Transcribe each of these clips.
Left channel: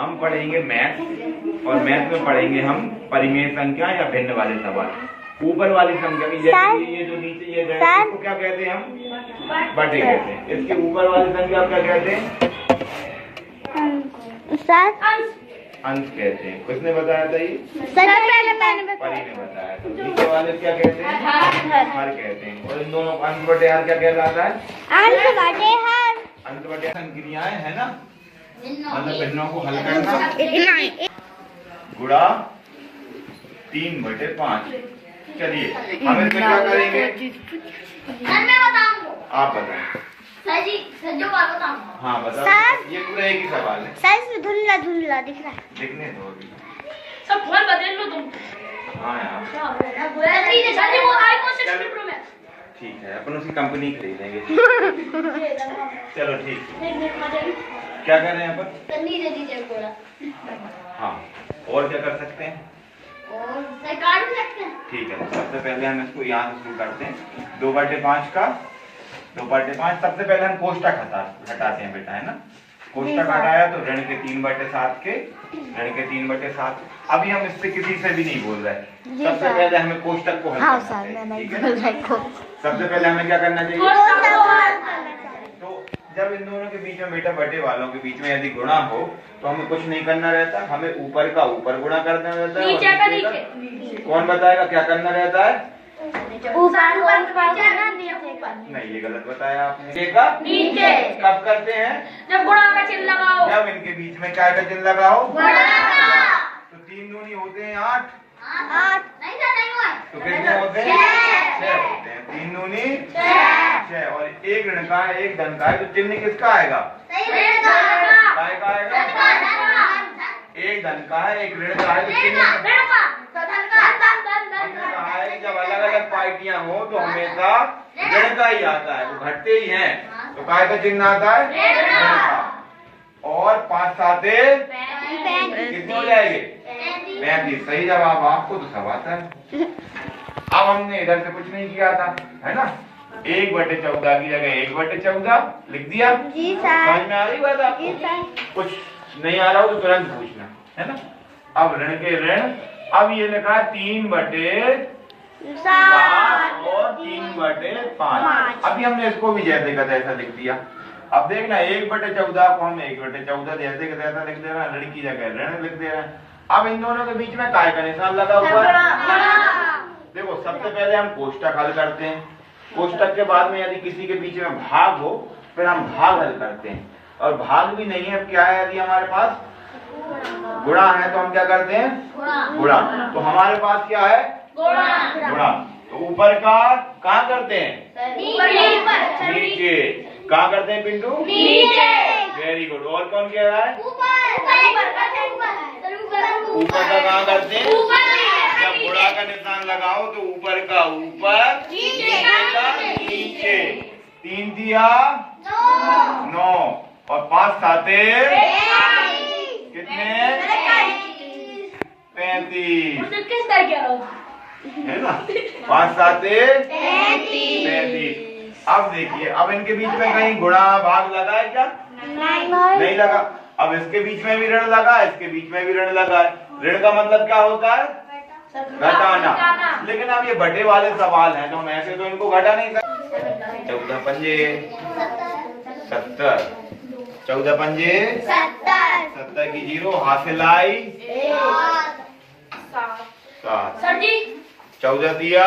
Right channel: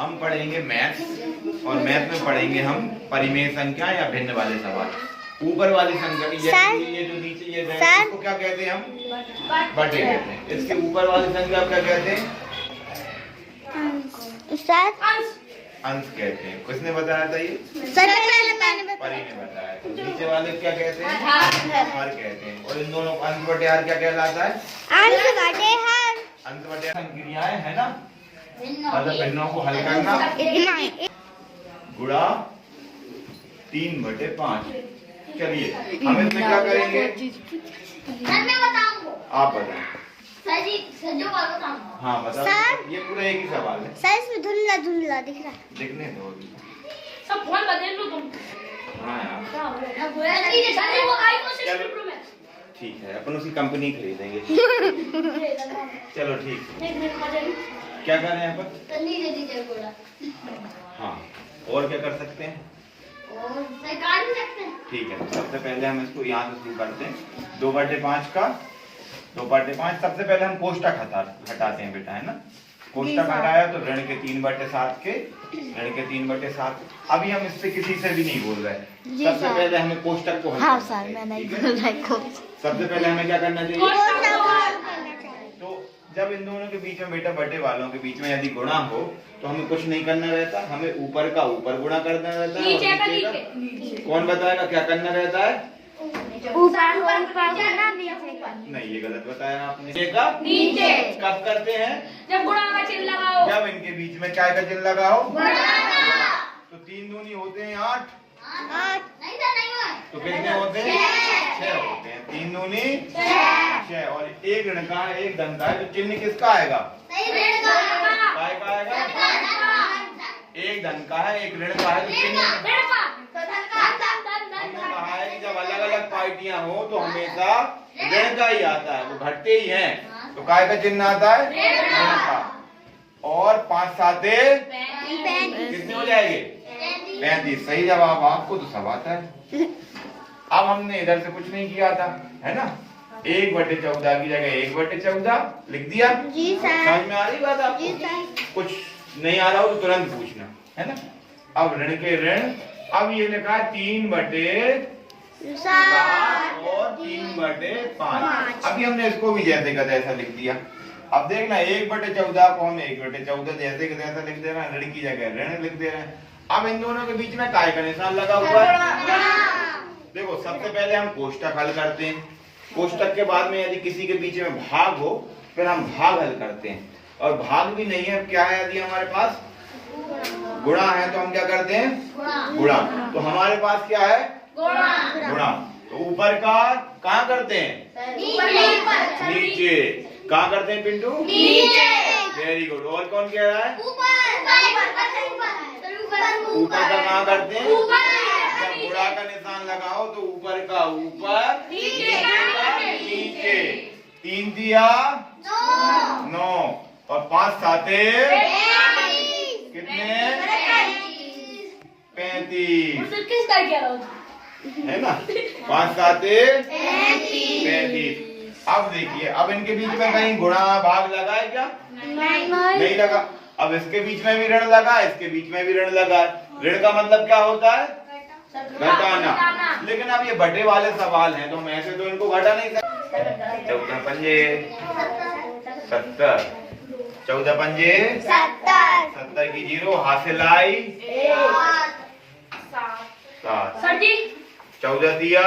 हम पढ़ेंगे मैथ्स और मैथ में पढ़ेंगे हम परिमेय संख्या या भिन्न वाले सवाल। ऊपर वाली संख्या की ये जो नीचे ये इसको क्या कहते हैं हम? बटे कहते हैं। इसके ऊपर वाली संख्या क्या कहते हैं? अंश कहते हैं। किसने बताया था ये? परी ने बताया। तो नीचे वाले क्या कहते हैं? हर कहते हैं। और इन दोनों अंश बटे हर क्या कहलाता है? अंश बटे हर क्रियाएं है ना, मतलब भिन्नों को हल करना। गुणा 3/5। चलिए हम इसमें क्या करेंगे? आप बताएं। हाँ बताओ। ये पूरा एक ही सवाल है। साइज में धुंधला धुंधला दिख रहा है। दिखने दो अभी। सब फोन बदल लो तुम। हाँ यार ठीक है, अपन उसकी कंपनी खरीदेंगे। चलो ठीक है। क्या कर रहे हैं अपन? हाँ और क्या कर सकते हैं? ठीक है, सबसे पहले हम इसको यहाँ से शुरू करते हैं। 2/5 का 2/5। सबसे पहले हम कोष्टक हटाते हैं बेटा, है ना। कोष्टक हटाया तो ऋण के 3/7 के ऋण के 3/7। अभी हम इससे किसी से भी नहीं बोल रहे। सबसे पहले हमें कोष्टक को हल करना है, ठीक है। सबसे पहले हमें क्या करना चाहिए? तो जब इन दोनों के बीच में बेटा बटे वालों के बीच में यदि गुणा हो तो हमें कुछ नहीं करना रहता, हमें ऊपर का ऊपर गुणा करना रहता है। कौन बताएगा क्या करना रहता है? नहीं, ये गलत बताया आपने। नीचे कब करते हैं? जब गुणा का चिन्ह लगाओ। जब इनके बीच में क्या का चिन्ह लगाओ? तो 3 दूनी होते हैं 8। तो कितने होते हैं? 6 होते हैं। 3 दूनी 6 और एक ऋण का है एक धन का है, तो चिन्ह किसका आएगा? काय का आएगा? एक धन का है एक ऋण का है, तो चिन्ह हमने कहा है कि जब अलग अलग पार्टियां हो तो हमेशा ऋण का ही आता है, वो घटते ही हैं। तो काय का चिन्ह आता है? ऋण का। और 5 साते कितने हो जाएंगे? 35। सही जवाब आपको तो सब आता है। अब हमने इधर से कुछ नहीं किया था, है ना। 1/14 की जगह 1/14 लिख दिया। समझ में आ रही बात आपको? कुछ नहीं आ रहा हो तो तुरंत पूछना, है ना। अब ऋण के ऋण, अब ये लिखा 3/7 और 3/5। अभी हमने इसको भी जैसे का तैसा लिख दिया। अब देखना 1/14 को हमने 1/14 जैसे का तैसा लिख दे रहा है, ऋण की जगह ऋण लिख दे रहा है। अब इन दोनों के बीच में काय का निशान लगा हुआ है। देखो सबसे पहले हम कोष्टक हल करते हैं। कोष्टक के बाद में यदि किसी के बीच में भाग हो फिर हम भाग हल करते हैं। और भाग भी नहीं है, क्या है यदि हमारे पास गुणा है तो हम क्या करते हैं? गुणा। तो हमारे पास क्या है? गुणा। तो ऊपर का कहाँ करते हैं? नीचे। कहाँ करते हैं पिंटू? Very good. और कौन कह रहा है? ऊपर का कहाँ करते हैं? जब गुणा का निशान लगाओ तो ऊपर का ऊपर नीचे का नीचे। 3 दिया 9 और 5 साते कितने? 35 है ना। 5 साते 35। अब देखिए, अब इनके बीच में कहीं गुणा भाग लगा है क्या? नहीं लगा। अब इसके बीच में भी ऋण लगा, इसके बीच में भी ऋण लगा है। ऋण का मतलब क्या होता है? घटाना। लेकिन अब ये बटे वाले सवाल हैं तो हम ऐसे तो इनको घटा नहीं सकते। 14 पंजे 70, 14 पंजे 70 की 0 हासिल आई 7। 14 दिया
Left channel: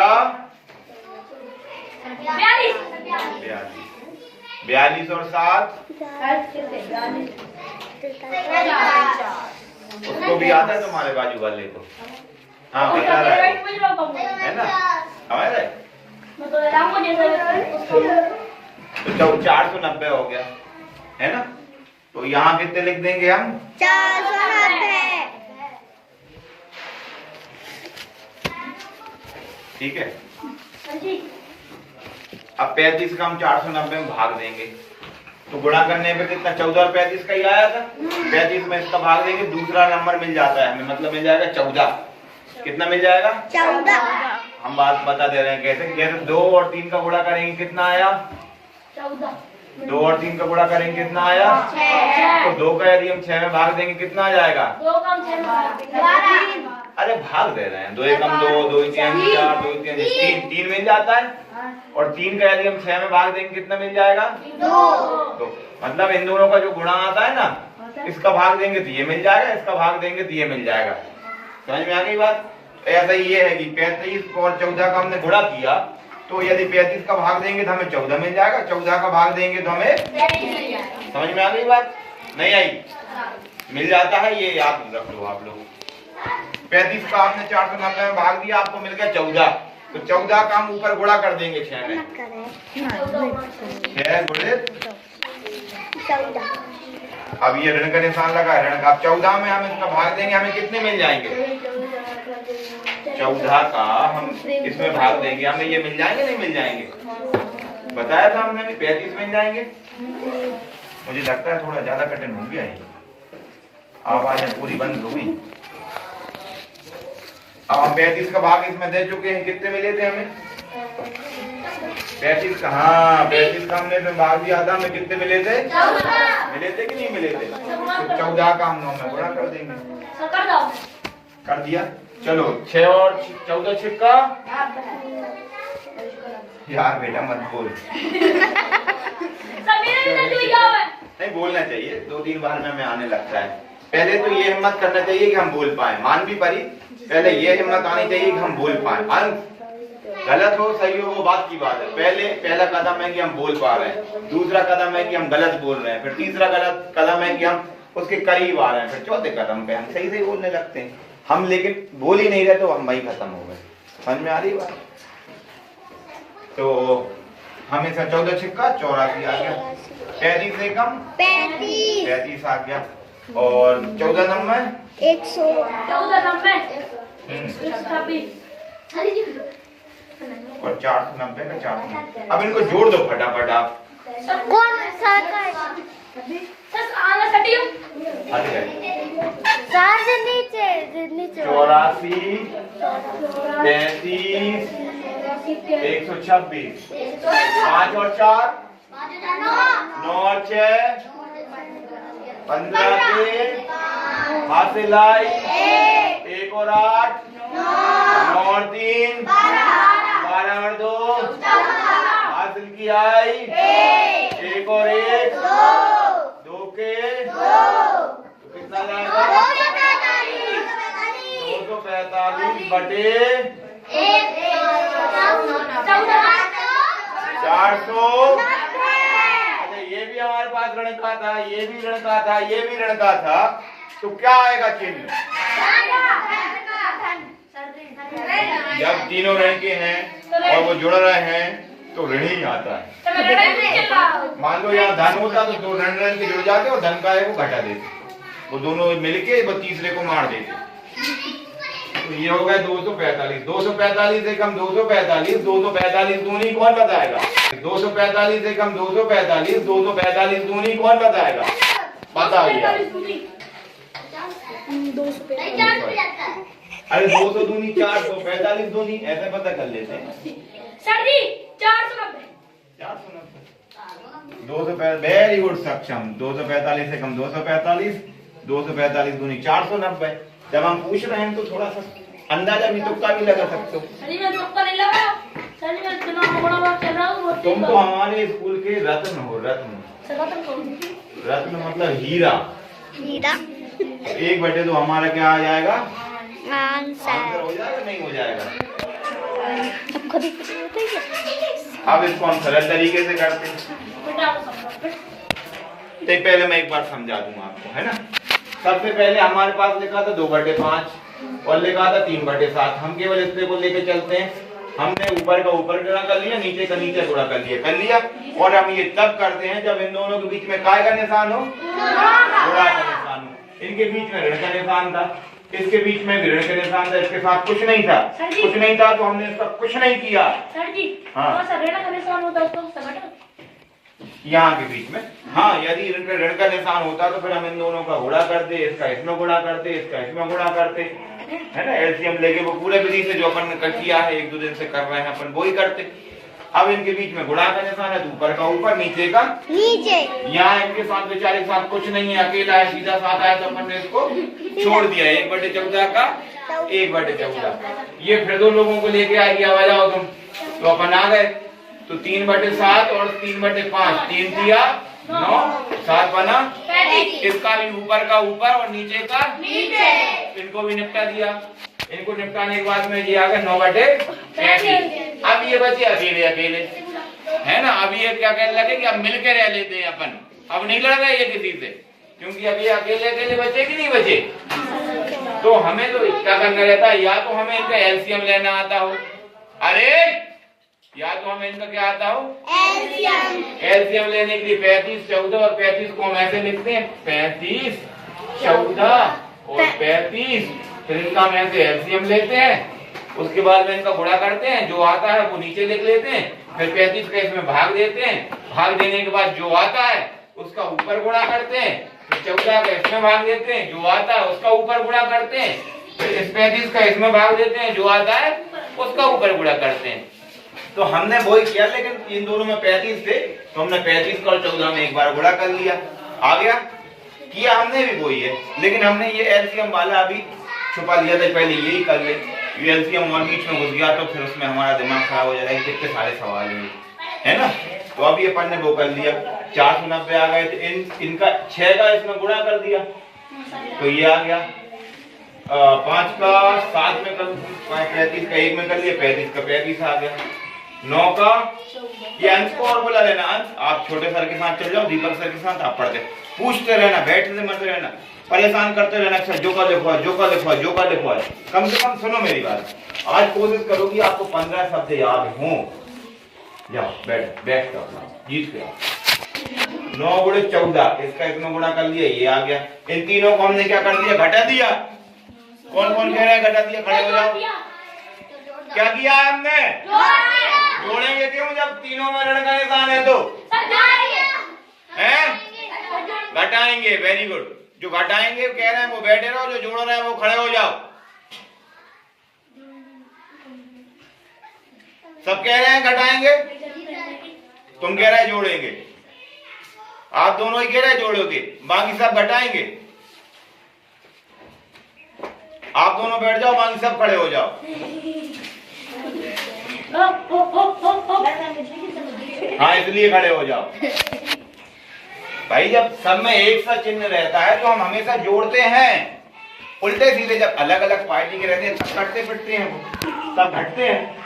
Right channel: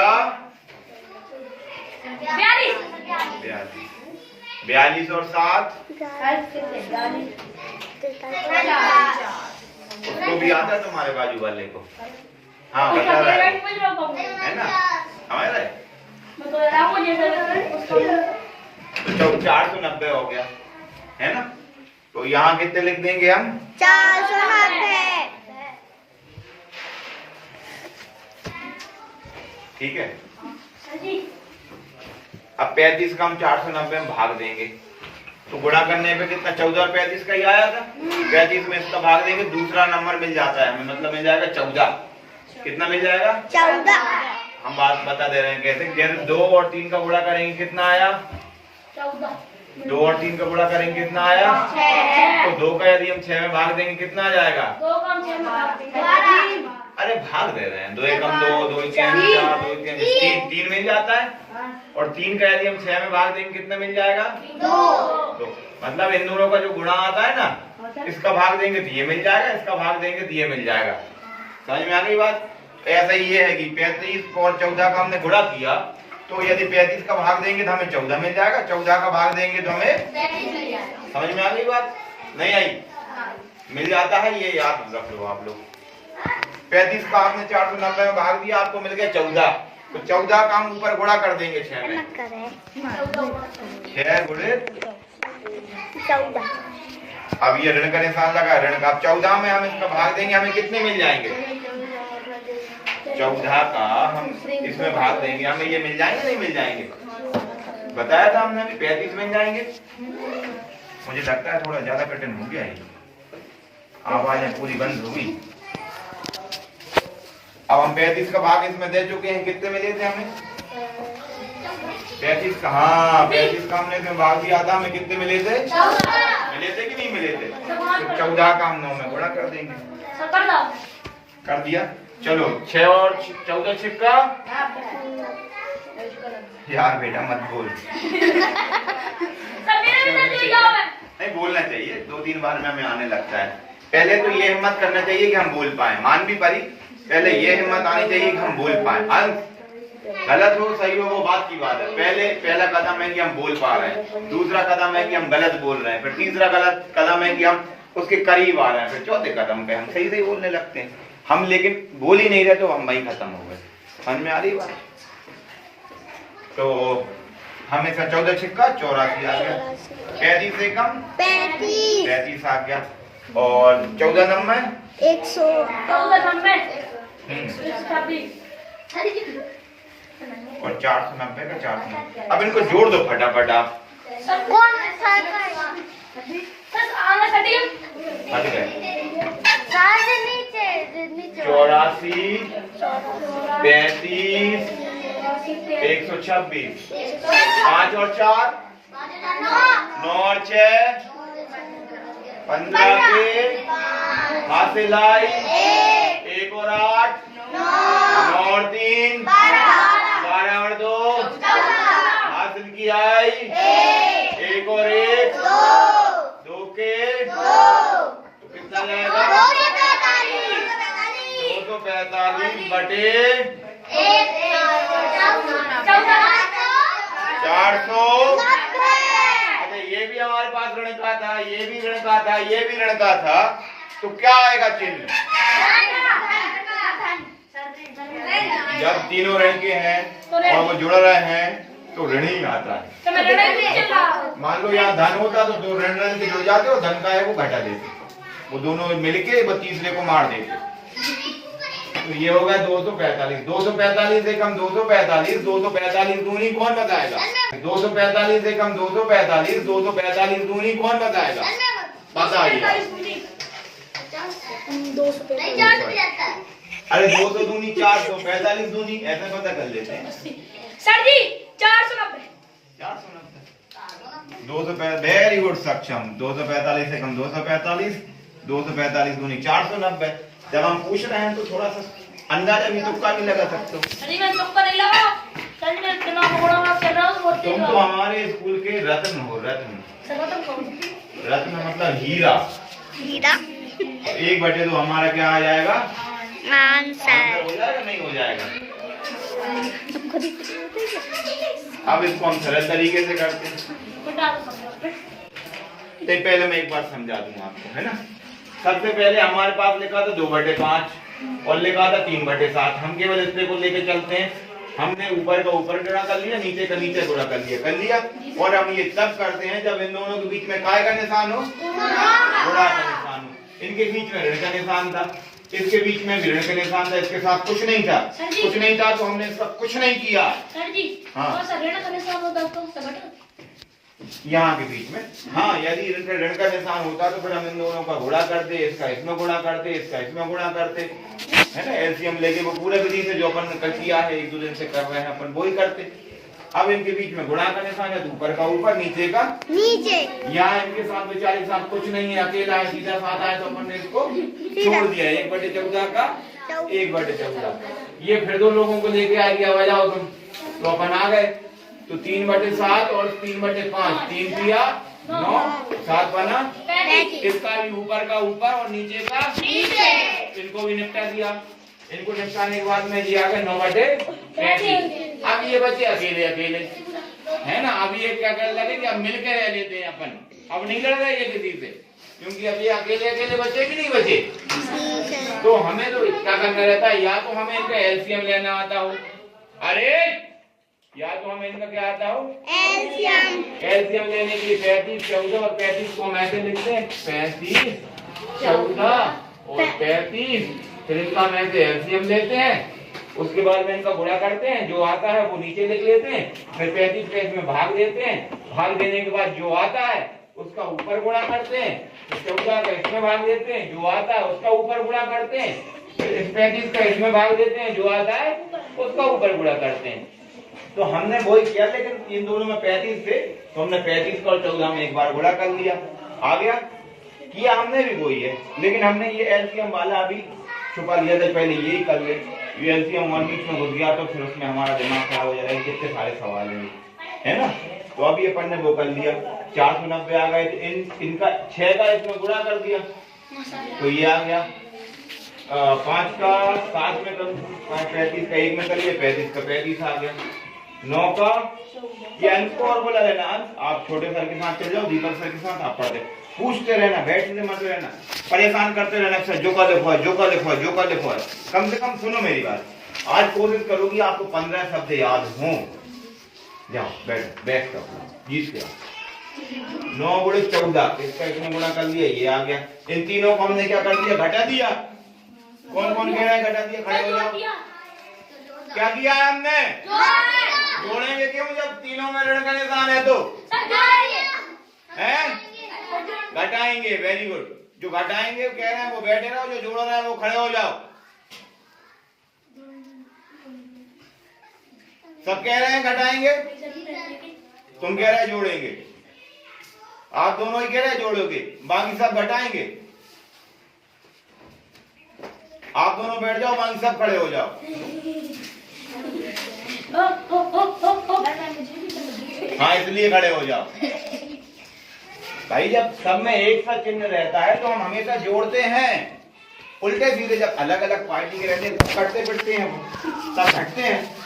42 और 7 उसको भी आता है तुम्हारे बाजू वाले को? हाँ बता रहा है ना हमारे। तो 490 हो गया, है ना। तो यहाँ कितने लिख देंगे हम? 490। ठीक है। अब 35 का हम 490 में भाग देंगे तो गुणा करने पे कितना? 14 और 35 का ही आया था। 35 में इसका भाग देंगे, दूसरा नंबर मिल जाता है हमें, मतलब मिल जाएगा 14। कितना मिल जाएगा? 14। हम बात बता दे रहे हैं कैसे। जैसे 2 और 3 का गुणा करेंगे कितना आया? 14। 2 और 3 का गुणा करेंगे कितना आया? तो 2 का यदि हम 6 में भाग देंगे कितना आ जाएगा? 2 कम 6 में अरे भाग दे रहे हैं, 2 एकम 2, 2 3 4, 2 3 3 मिल जाता है। और 3 का यदि हम 6 में भाग देंगे कितना मिल जाएगा? 2। मतलब इन दोनों का जो गुणा आता है ना, इसका भाग देंगे तो ये मिल जाएगा, इसका भाग देंगे तो ये मिल जाएगा। समझ में आ गई बात? ऐसा ही ये है कि 35 और 14 का हमने गुणा किया, तो यदि 35 का भाग देंगे तो हमें 14 मिल जाएगा, 14 का भाग देंगे तो हमें, समझ में आ गई बात? नहीं आई? मिल जाता है, ये याद रख लो आप लोग। 35 का आपने 490 में भाग दिया, आपको मिल गया 14, तो 14 का हम ऊपर गुणा कर देंगे 6 में। 6 गुणे 14। अब ये ऋण का निशान लगा, ऋण का। अब 14 में हम इसका भाग देंगे, हमें कितने मिल जाएंगे? 14 का हम इसमें भाग देंगे, हमें ये मिल जाएंगे नहीं मिल जाएंगे? बताया था हमने, 35 मिल जाएंगे। मुझे लगता है थोड़ा ज्यादा कठिन हो गया ये, आवाजें पूरी बंद हो गई। अब हम 35 का भाग इसमें दे चुके हैं, कितने मिले थे हमें? 35 का, हाँ 35 का हमने इसमें भाग दिया था, हमें कितने मिले थे? मिले थे कि नहीं मिले थे? तो 14 का हम 9 में गुणा कर देंगे। कर दिया। चलो 6 और 14 छिक्का, यार बेटा मत बोल। नहीं बोलना चाहिए, 2-3 बार में हमें आने लगता है। पहले तो ये हिम्मत करना चाहिए कि हम बोल पाए, मान भी परी, पहले ये हिम्मत आनी चाहिए कि हम बोल पाए। अंत गलत हो सही हो वो बात की बात है, पहला कदम है कि हम बोल पा रहे हैं, दूसरा कदम है कि हम गलत बोल रहे हैं, फिर तीसरा गलत कदम है कि हम उसके करीब आ रहे हैं, फिर चौथे कदम पे हम सही सही बोलने लगते हैं। हम लेकिन बोल ही नहीं रहे तो हम वही खत्म हो गए। समझ में आ रही बात? तो हमें 14 छिक्का 84 आ गया, 35 से कम 35 आ गया, और 14 नंबर 100 और 490 का 490। अब इनको जोड़ दो फटाफट आप। कौन सा हट गए। नीचे 84 35 126 5 और 4 9 और 6 15 के हाथ से लाई 1 और 8 9 और 3 12 और 2 हासिल की आई 1 और 1 2 के तो कितना जाएगा? 245 बटे 400। अच्छा ये भी हमारे पास ऋण का था, ये भी ऋण का था, ये भी ऋण का था, तो क्या आएगा चिन्ह? जब तीनों ऋण के हैं और वो जुड़ रहे हैं तो ऋण ही आता है। मान लो यहाँ धन होता तो 2 ऋण के जुड़ जाते और धन का है वो घटा देते, वो दोनों मिलके वो तीसरे को मार देते। तो ये हो गया 245। 245 से कम 245, 245 दूनी कौन बताएगा? 245 से कम 245, 245 दूनी कौन बताएगा? बताइए। अरे 200 दूनी 400, 45 दूनी, ऐसे पता कर लेते हैं सर जी। 490 वेरी गुड सक्षम। 245 से कम 245, 245 दूनी 490। जब हम पूछ रहे हैं तो थोड़ा सा अंदाजा भी तुक्का भी लगा सकते हो। अरे मैं तुक्का नहीं लगाऊं, सर जी मैं इतना बड़ा चल रहा हूं। तुम तो हमारे स्कूल के रत्न हो, रत्न। रत्न मतलब हीरा। 1/2 हमारा क्या आ जाएगा? आंसर हो जाएगा नहीं हो जाएगा? अब इसको हम सरल तरीके से करते हैं। तो पहले मैं एक बार समझा दूंगा आपको, है ना। सबसे पहले हमारे पास लिखा था 2/5 और लिखा था 3/7। हम केवल इतने को लेके चलते हैं। हमने ऊपर का ऊपर गुणा कर लिया, नीचे का नीचे गुणा कर लिया। और हम ये तब करते हैं जब इन दोनों के बीच में काय का निशान हो? गुणा का निशान हो। इनके बीच में ऋण का निशान था, इसके बीच में भी ऋण का निशान था, इसके साथ कुछ नहीं था। कुछ नहीं था तो हमने सब कुछ नहीं किया। सर जी हाँ ऋण का निशान होता तो यहाँ के बीच में, हाँ यदि ऋण का निशान होता तो फिर हम इन दोनों का गुणा करते, इसका इसमें गुणा करते, इसका इसमें गुणा करते, है ना। एलसीएम लेके वो पूरे विधि से जो अपन ने किया है, 1-2 दिन से कर रहे हैं अपन, वो ही करते। अब इनके बीच में गुणा का निशान है, तो ऊपर का ऊपर, नीचे का नीचे। यहाँ इनके साथ बेचारे के साथ कुछ नहीं है, अकेला है, सीधा साथ आया तो अपन ने इसको छोड़ दिया। 1/14 का 1/14। ये फिर दो लोगों को लेके आ गया, आ जाओ तुम, तो अपन आ गए। तो 3/7 और 3/5, 3 दिया 9, 7 बना। इसका भी ऊपर का ऊपर और नीचे का नीचे। इनको भी निपटा दिया। इनको निपटाने के बाद में ये आ गया 9/35। अब ये बचे अकेले अकेले, है ना। अब ये क्या कहने लगे कि अब मिलके रह लेते हैं अपन, अब नहीं लड़ रहे ये किसी से, क्योंकि अब ये अकेले अकेले बचे कि नहीं बचे। तो हमें तो क्या करना रहता है, या तो हमें इनका एलसीएम लेना आता हो, अरे या तो हमें इनका क्या आता हो, एलसीएम लेने के लिए 35, 14 और 35 को हम ऐसे लिखते हैं 35, 14 और 35। फिर इनका हम ऐसे एलसीएम लेते हैं, उसके बाद में इनका गुणा करते हैं, जो आता है वो नीचे लिख लेते हैं, फिर 35 का इसमें भाग देते हैं, भाग देने के बाद जो आता है उसका ऊपर गुणा करते हैं, फिर 14 का इसमें भाग देते हैं, जो आता है उसका ऊपर गुणा करते हैं, फिर इस 35 का इसमें भाग देते हैं, जो आता है उसका ऊपर गुणा करते हैं। तो हमने वही किया, लेकिन इन दोनों में 35 थे, तो हमने 35 का और 14 में एक बार गुणा कर लिया, आ गया। किया हमने भी वही है, लेकिन हमने ये एलसीएम वाला अभी छुपा लिया था, पहले यही कर ले। एलसीएम और बीच में घुस गया तो फिर उसमें हमारा दिमाग खराब हो जाएगा, कितने सारे सवाल है ना। तो अब ये अपन ने वो कर लिया, 490 आ गए, तो इनका 6 का इसमें गुणा कर दिया, तो ये आ गया। 5 का 7 में कर, 35 का 1 में कर लिया, 35 का 35 आ गया। 9 का ये अंश को और बोला लेना, अंश आप छोटे सर के साथ चल जाओ, दीपक सर के साथ आप पढ़ते, पूछते रहना, बैठते मत रहना, परेशान करते रहना, सर जो का लिखो है, जो का लिखो है, जो का लिखो है। कम से कम सुनो मेरी बात, आज कोशिश करोगी आपको 15 शब्द याद हो। जाओ बैठ जाओ, जीत के आओ। 9 गुणे 14, इसका इसमें गुणा कर लिया, ये आ गया। इन तीनों को हमने क्या कर दिया, घटा दिया। कौन कौन कह रहा है घटा दिया, खड़े हो जाओ। क्या किया है हमने, जोड़ेंगे क्यों जब तीनों में ऋण का निशान है, तो हैं घटाएंगे। वेरी गुड, जो घटाएंगे कह रहे हैं वो बैठे रहो, जो जोड़ रहे हैं वो खड़े हो जाओ। सब कह रहे हैं घटाएंगे, तुम कह रहे हैं जोड़ेंगे, आप दोनों ही कह रहे हैं जोड़ोगे, बाकी सब घटाएंगे। आप दोनों बैठ जाओ, बाकी सब खड़े हो जाओ। हाँ इसलिए खड़े हो जाओ भाई, जब सब में एक सा चिन्ह रहता है तो हम हमेशा जोड़ते हैं। उल्टे सीधे जब अलग अलग पार्टी के रहते हैं सब कटते पिटते हैं, सब हटते हैं,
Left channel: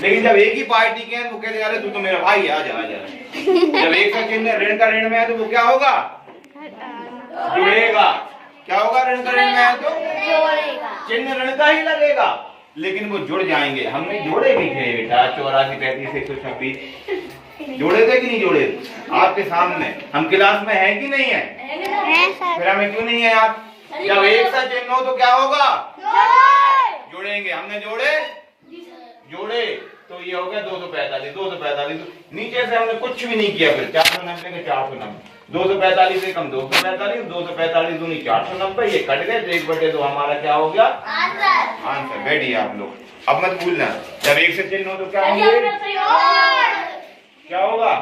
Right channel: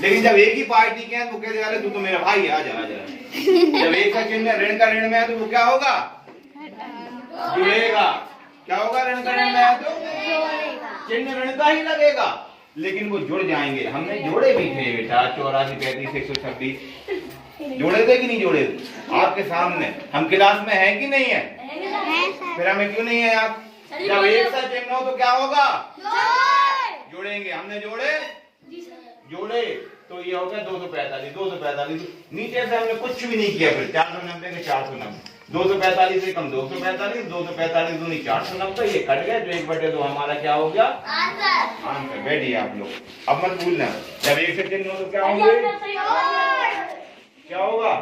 लेकिन जब एक ही पार्टी के हैं तो कहते हैं तू तो मेरा भाई है, आजा आजा। जब एक सा चिन्ह ऋण का ऋण में है तो वो क्या होगा, जुड़ेगा। क्या होगा, ऋण का ऋण में है तो चिन्ह ऋण का ही लगेगा, लेकिन वो जुड़ जाएंगे। हमने जोड़े भी थे बेटा, 84, 35, 126 जोड़े थे कि नहीं जोड़े, आपके सामने। हम क्लास में हैं कि नहीं है, फिर हमें क्यों नहीं है आप। जब एक सा चिन्ह हो तो क्या होगा, जोड़ेंगे। हमने जोड़े तो ये हो गया 245। नीचे से हमने कुछ भी नहीं किया, फिर 490 के 490, 245 से कम 245, 245 दूनी 490, ये कट गए तो 1/2 हमारा क्या हो गया, आंसर। बैठिए आप लोग, अब मत भूलना, जब एक से चिन्ह हो तो क्या होंगे, क्या होगा।